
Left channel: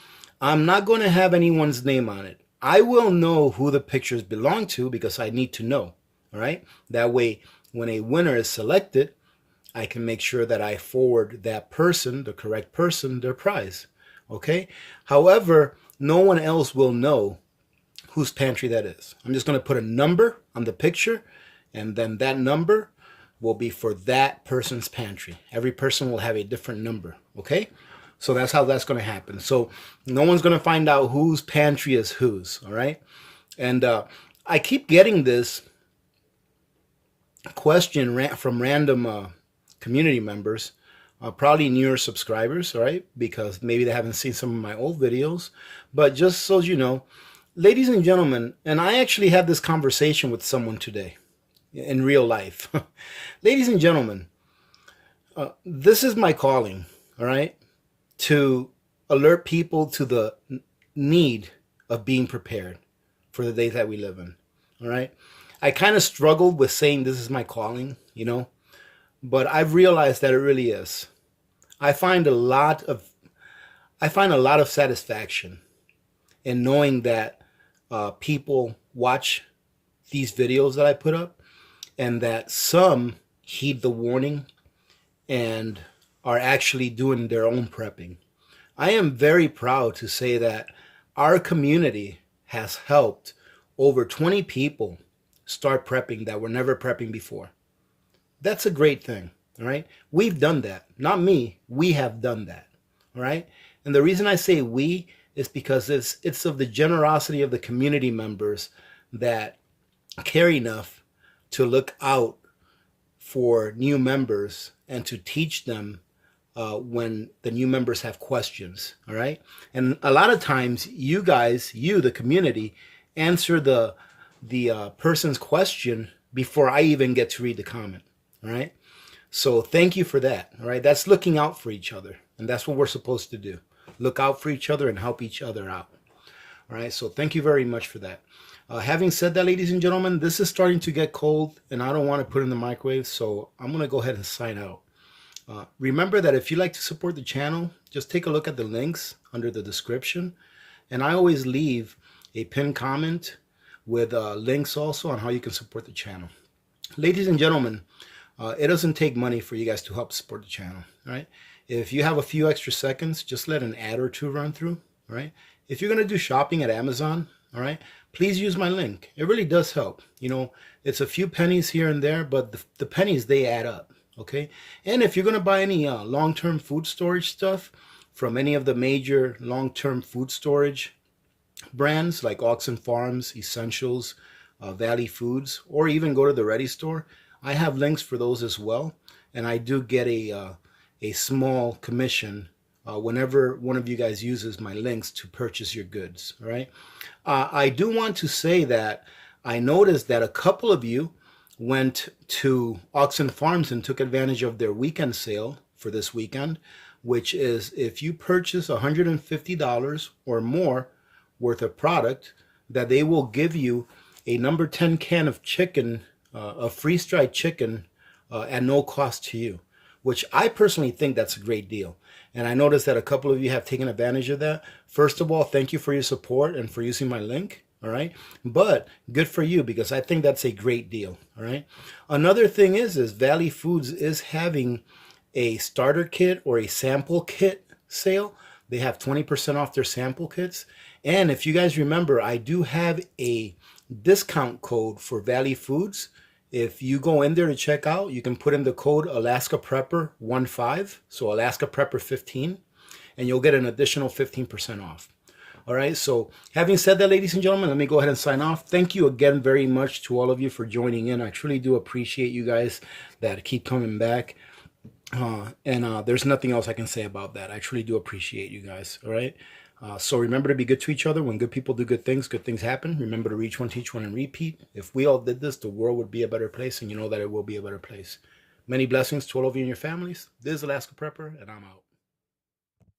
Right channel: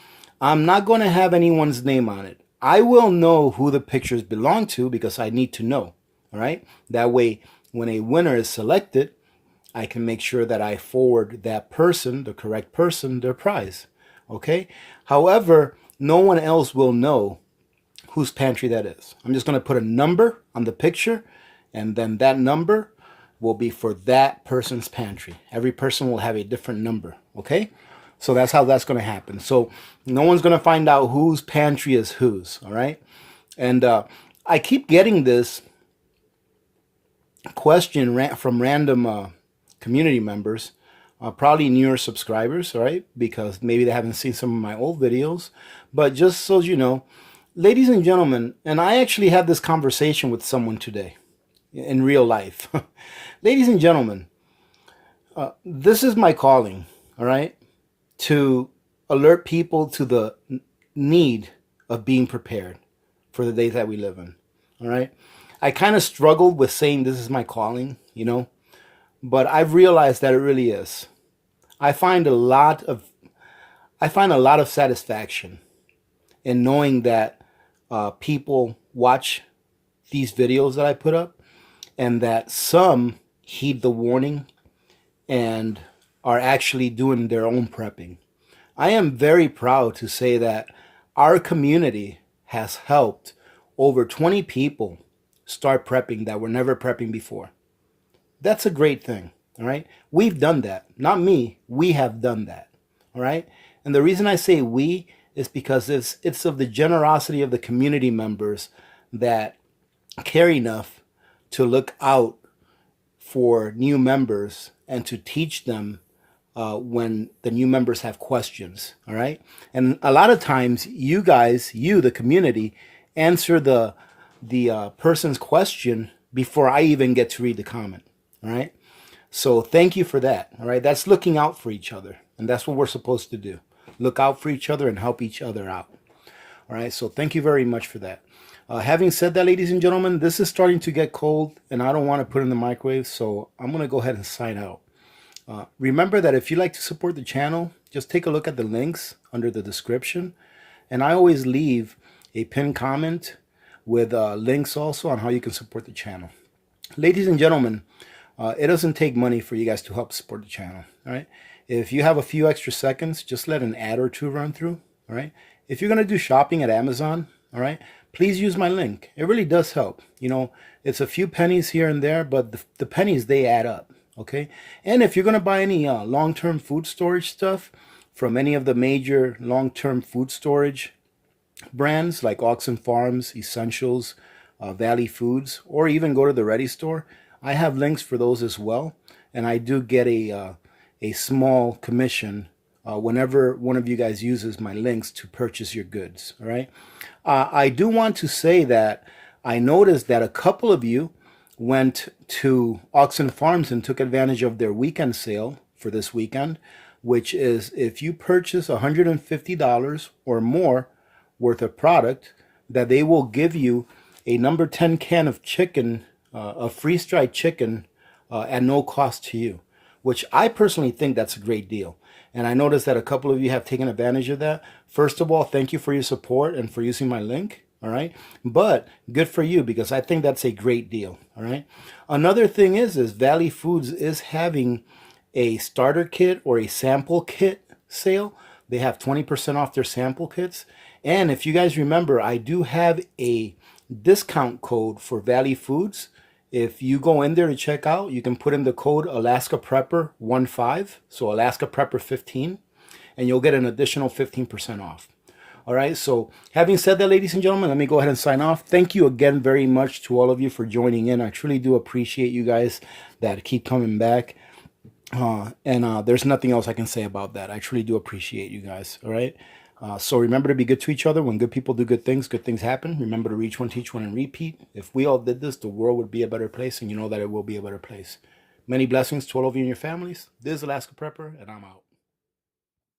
I'm not going to have anyone's name on it. I will know who the pictures belong to because I need to know, all right? That way, when a winner is selected, I can make sure that I forward that person, the correct person, their prize, okay? However, no one else will know whose pantry that is. I'm just going to put a number on the picture, and then that number will be for that person's pantry. Every person will have a different number, okay? So that's how that's going to happen. So no one's going to find out whose pantry is whose, all right? And I keep getting this question from random community members, probably newer subscribers, all right? Because maybe they haven't seen some of my old videos. But just so you know, ladies and gentlemen, and I actually had this conversation with someone today in real life. Ladies and gentlemen, this is my calling, all right? To alert people to the need of being prepared for the days that we live in, all right? I kind of struggled with saying this is my calling, you know, but I've realized that it really is. I find a lot of satisfaction in knowing that people watch these videos that I put up and that some heed the warning and are actually doing their own prepping. I am very proud to say that our community has helped over 20 people start prepping that were never prepping before. That's a great thing, all right? We've done that. Not me. We have done that, all right? And the reason I say we is because it's of the generosity of the community members that care enough to look out for new members and to teach them when the new members have questions, all right? And a lot of times you guys, the community, answer the person's question before I even get to read the comment, all right? So thank you for that, all right? That's looking out for each other, and that's what we're supposed to do. Look out for each other and help each other out, all right? So thank you very much for that. Having said that, ladies and gentlemen, this is starting to get cold, and I don't want to put it in the microwave, so I'm going to go ahead and sign out. Remember that if you'd like to support the channel, just take a look at the links under the description. And I always leave a pinned comment with links also on how you can support the channel. Ladies and gentlemen, it doesn't take money for you guys to help support the channel. All right. If you have a few extra seconds, just let an ad or two run through. All right. If you're going to do shopping at Amazon, all right, please use my link. It really does help. You know, it's a few pennies here and there, but the pennies, they add up. Okay. And if you're going to buy any long-term food storage stuff from any of the major long-term food storage brands like Oxen Farms, Essentials, Valley Foods, or even go to the Ready Store, I have links for those as well. And I do get a small commission whenever one of you guys uses my links to purchase your goods. All right. I do want to say that I noticed that a couple of you went to Oxen Farms and took advantage of their weekend sale for this weekend, which is if you purchase $150 or more worth of product, that they will give you a number 10 can of chicken, a freeze-dried chicken at no cost to you, which I personally think that's a great deal. And I noticed that a couple of you have taken advantage of that. First of all, thank you for your support and for using my link. All right. But good for you, because I think that's a great deal. All right. Another thing is Valley Foods is having a starter kit or a sample kit sale. They have 20% off their sample kits. And if you guys remember, I do have a discount code for Valley Foods. If you go in there to check out, you can put in the code Alaska Prepper 15, so Alaska Prepper 15, and you'll get an additional 15% off. All right, so having said that, ladies and gentlemen, let me go ahead and sign off. Thank you again very much to all of you for joining in. I truly do appreciate you guys that keep coming back. There's nothing else I can say about that. I truly do appreciate you guys, all right? So remember to be good to each other. When good people do good things happen. Remember to reach one, teach one, and repeat. If we all did this, the world would be a better place, and you know that it will be a better place. Many blessings to all of you and your families. This is Alaska Prepper, and I'm out.